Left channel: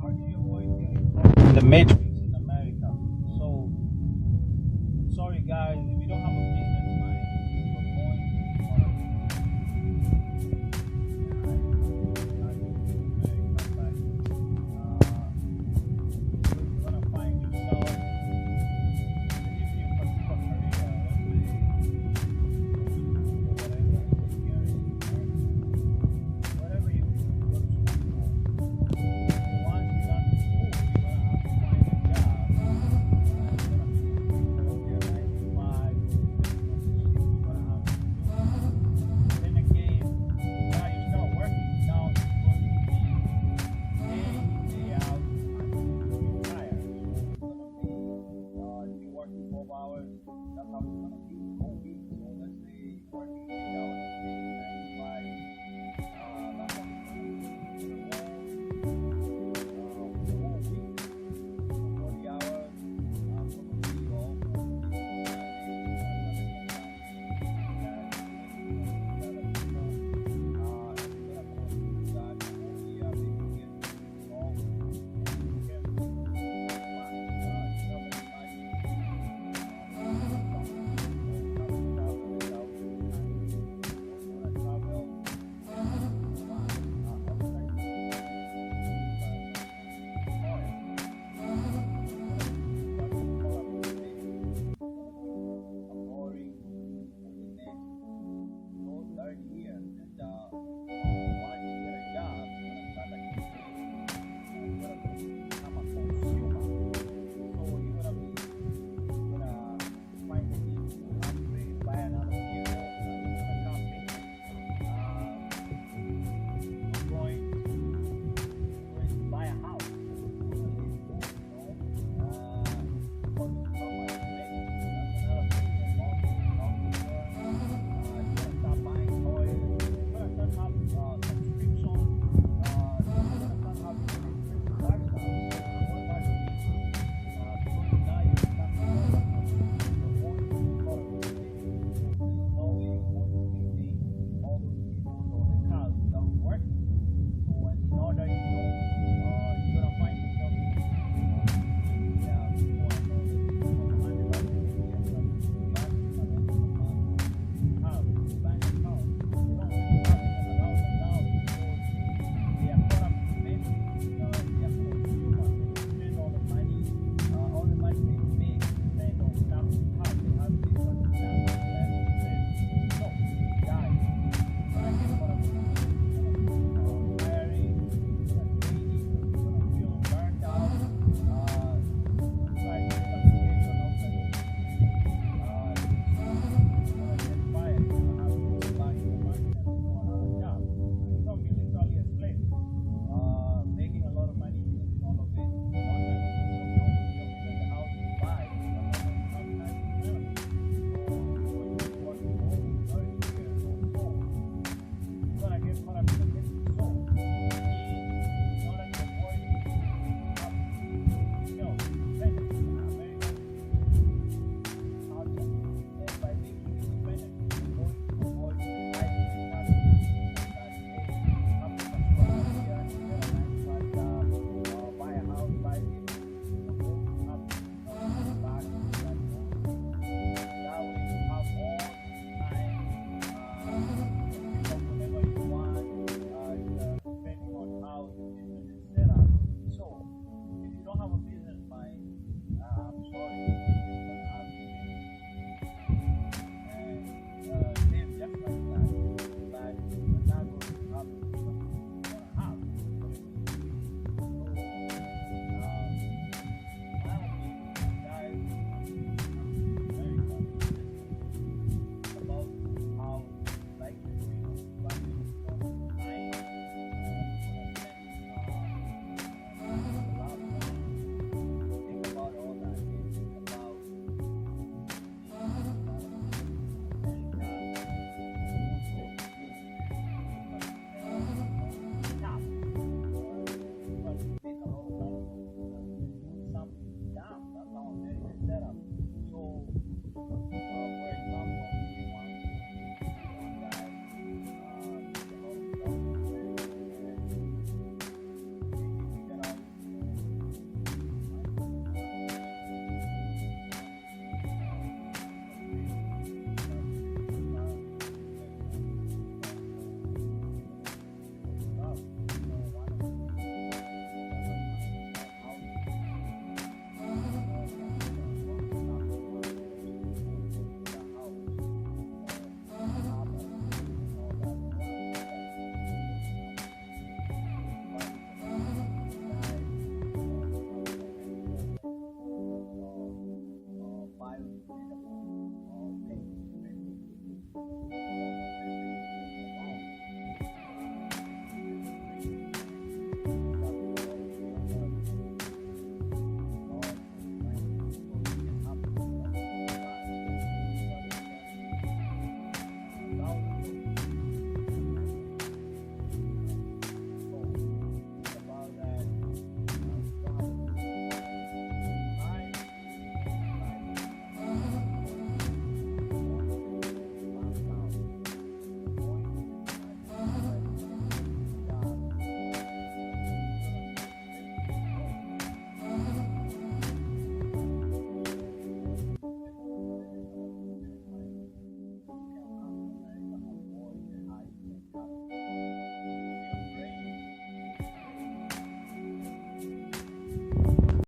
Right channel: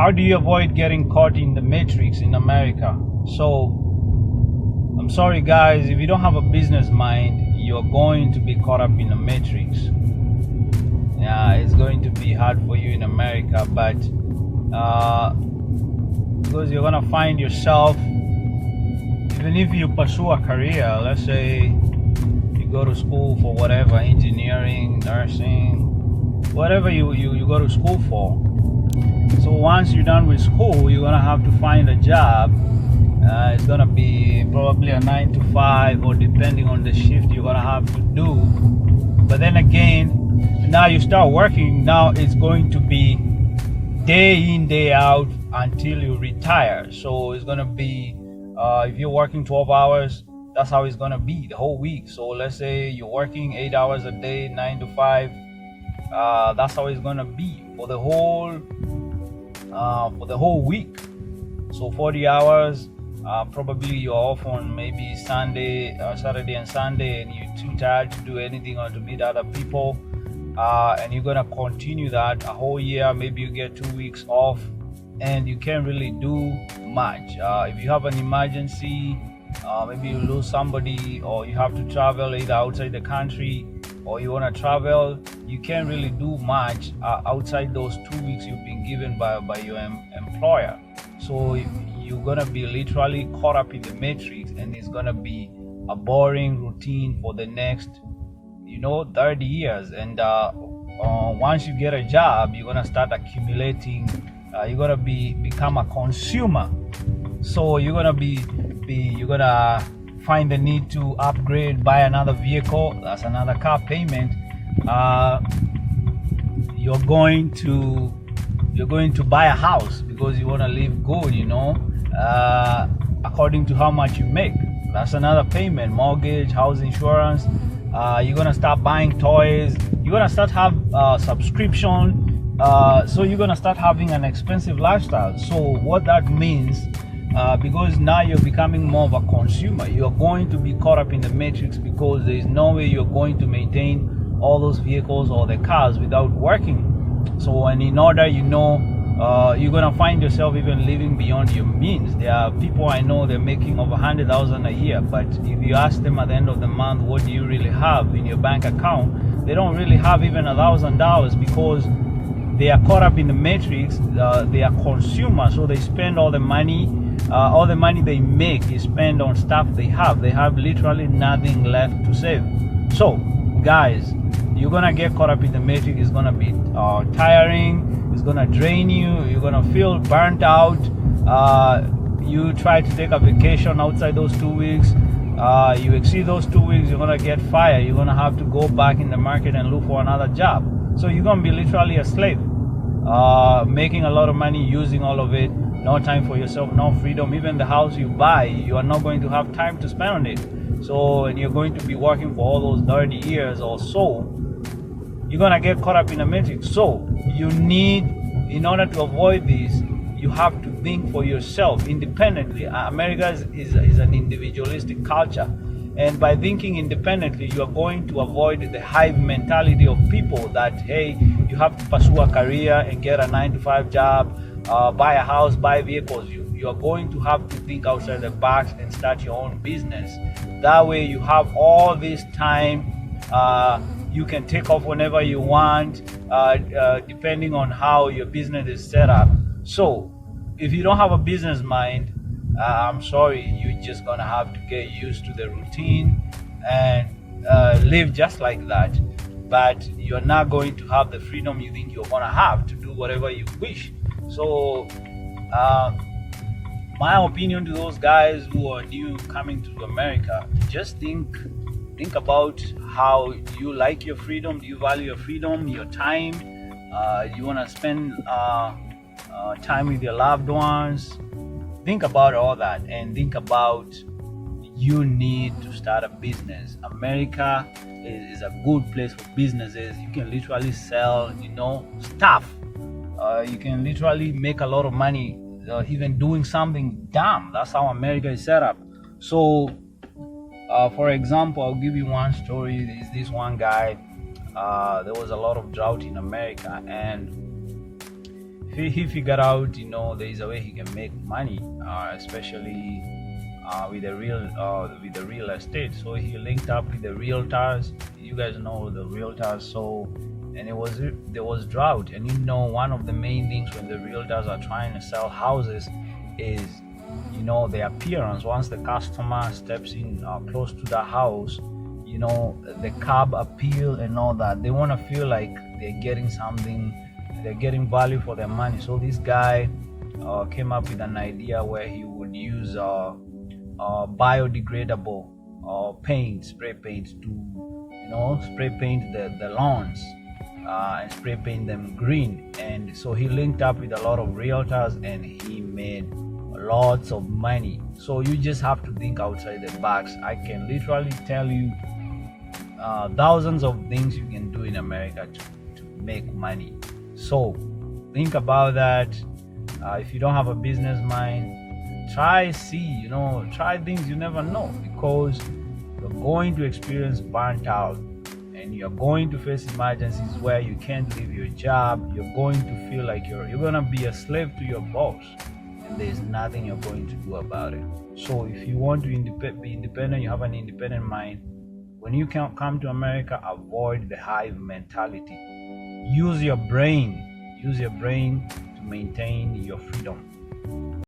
how do you avoid getting caught in the matrix in America? So I'm sorry guys, if you don't have a business mind, you're going to be caught up in the matrix. Yeah, it's going to be hard for you in America, but because you're gonna find yourself, even if you pursue a career, let's say you go to school for whatever, engineering, nursing, whatever you go to school for. So once you're done with school, you're gonna have to find a job. It's gonna be probably a 9 to 5, or depending on the shift you're gonna have to do. But then again, now you start working, now it's going to be day in, day out until you retire. So it's gonna be, if you're working 12 hours, that's how it's gonna be the whole week. So let's say you're working 8 hours a day, 9 to 5. That's how it's gonna be for the whole week. So 40 hours. Probably you're off on maybe Sunday, Saturday and Sunday, and you're too tired to do anything or to meet other people. And you're gonna continue that a whole year. Maybe you get 2 weeks off, and you can't really do much. If you have an emergency, maybe you lose somebody, or you have to travel either outside the country, or you wanna travel, you can't really do much outside those 2 weeks you've been given by your employer. So if you're gonna be literally caught up in the matrix, and it's gonna be a boring routine for the next 30 years. And once you get a job, you're gonna start accumulating. You're gonna become a consumer. So you're gonna you're gonna find the need to upgrade, buy another vehicle. That's another car payment. You're going to buy a house because you want to live good, according to how much you make. That's another payment. Mortgage, house insurance. You're gonna start buying toys. You're gonna start have subscription. So you're gonna start having an expensive lifestyle. So what that means, because now you're becoming more of a consumer, you're going to be caught up in the matrix, because there is no way you're going to maintain all those vehicles or the cars without working. So, and in order, you're gonna find yourself even living beyond your means. There are people I know, they're making over 100,000 a year, but if you ask them at the end of the month, what do you really have in your bank account, they don't really have even $1,000, because they are caught up in the matrix. They are consumers, so they spend all the money they make is spent on stuff they have. They have literally nothing left to save. So, guys, you're gonna get caught up in the matrix. It's gonna be tiring. It's gonna drain you. You're gonna feel burnt out. You try to take a vacation outside those 2 weeks. You exceed those 2 weeks, you're gonna get fired. You're gonna have to go back in the market and look for another job. So you're gonna be literally a slave, making a lot of money, using all of it. No time for yourself, no freedom. Even the house you buy, you are not going to have time to spend on it. So, and you're going to be working for all those 30 years or so. You're gonna get caught up in a matrix. So you need, in order to avoid this, you have to think for yourself independently. America is an individualistic culture, and by thinking independently, you are going to avoid the hive mentality of people that, hey, you have to pursue a career and get a 9 to 5 job, buy a house, buy vehicles. You are going to have to think outside the box and start your own business. That way you have all this time. You can take off whenever you want, depending on how your business is set up. So if you don't have a business mind, I'm sorry, you're just gonna have to get used to the routine and live just like that. But you're not going to have the freedom you think you're gonna have to do whatever you wish. So my opinion to those guys who are new coming to America, just think about how you like your freedom. Do you value your freedom, your time? You want to spend time with your loved ones? Think about all that, and think about, you need to start a business. America is a good place for businesses. You can literally sell, stuff. You can literally make a lot of money, even doing something dumb. That's how America is set up. So, for example, I'll give you one story. There's this one guy. There was a lot of drought in America, and he figured out, there is a way he can make money, especially with the real estate. So he linked up with the realtors. You guys know the realtors. So, and there was drought, and one of the main things when the realtors are trying to sell houses is the appearance. Once the customer steps in close to the house, the curb appeal and all that. They want to feel like they're getting something, they're getting value for their money. So this guy came up with an idea where he would use biodegradable spray paint to spray paint the lawns and spray paint them green. And so he linked up with a lot of realtors and he made lots of money. So you just have to think outside the box. I can literally tell you thousands of things you can do in America to make money. So think about that. If you don't have a business mind, try things. You never know, because you're going to experience burnt out, and you're going to face emergencies where you can't leave your job. You're going to feel like you're gonna be a slave to your boss. There's nothing you're going to do about it. So if you want to be independent, you have an independent mind. When you come to America, avoid the hive mentality. Use your brain to maintain your freedom.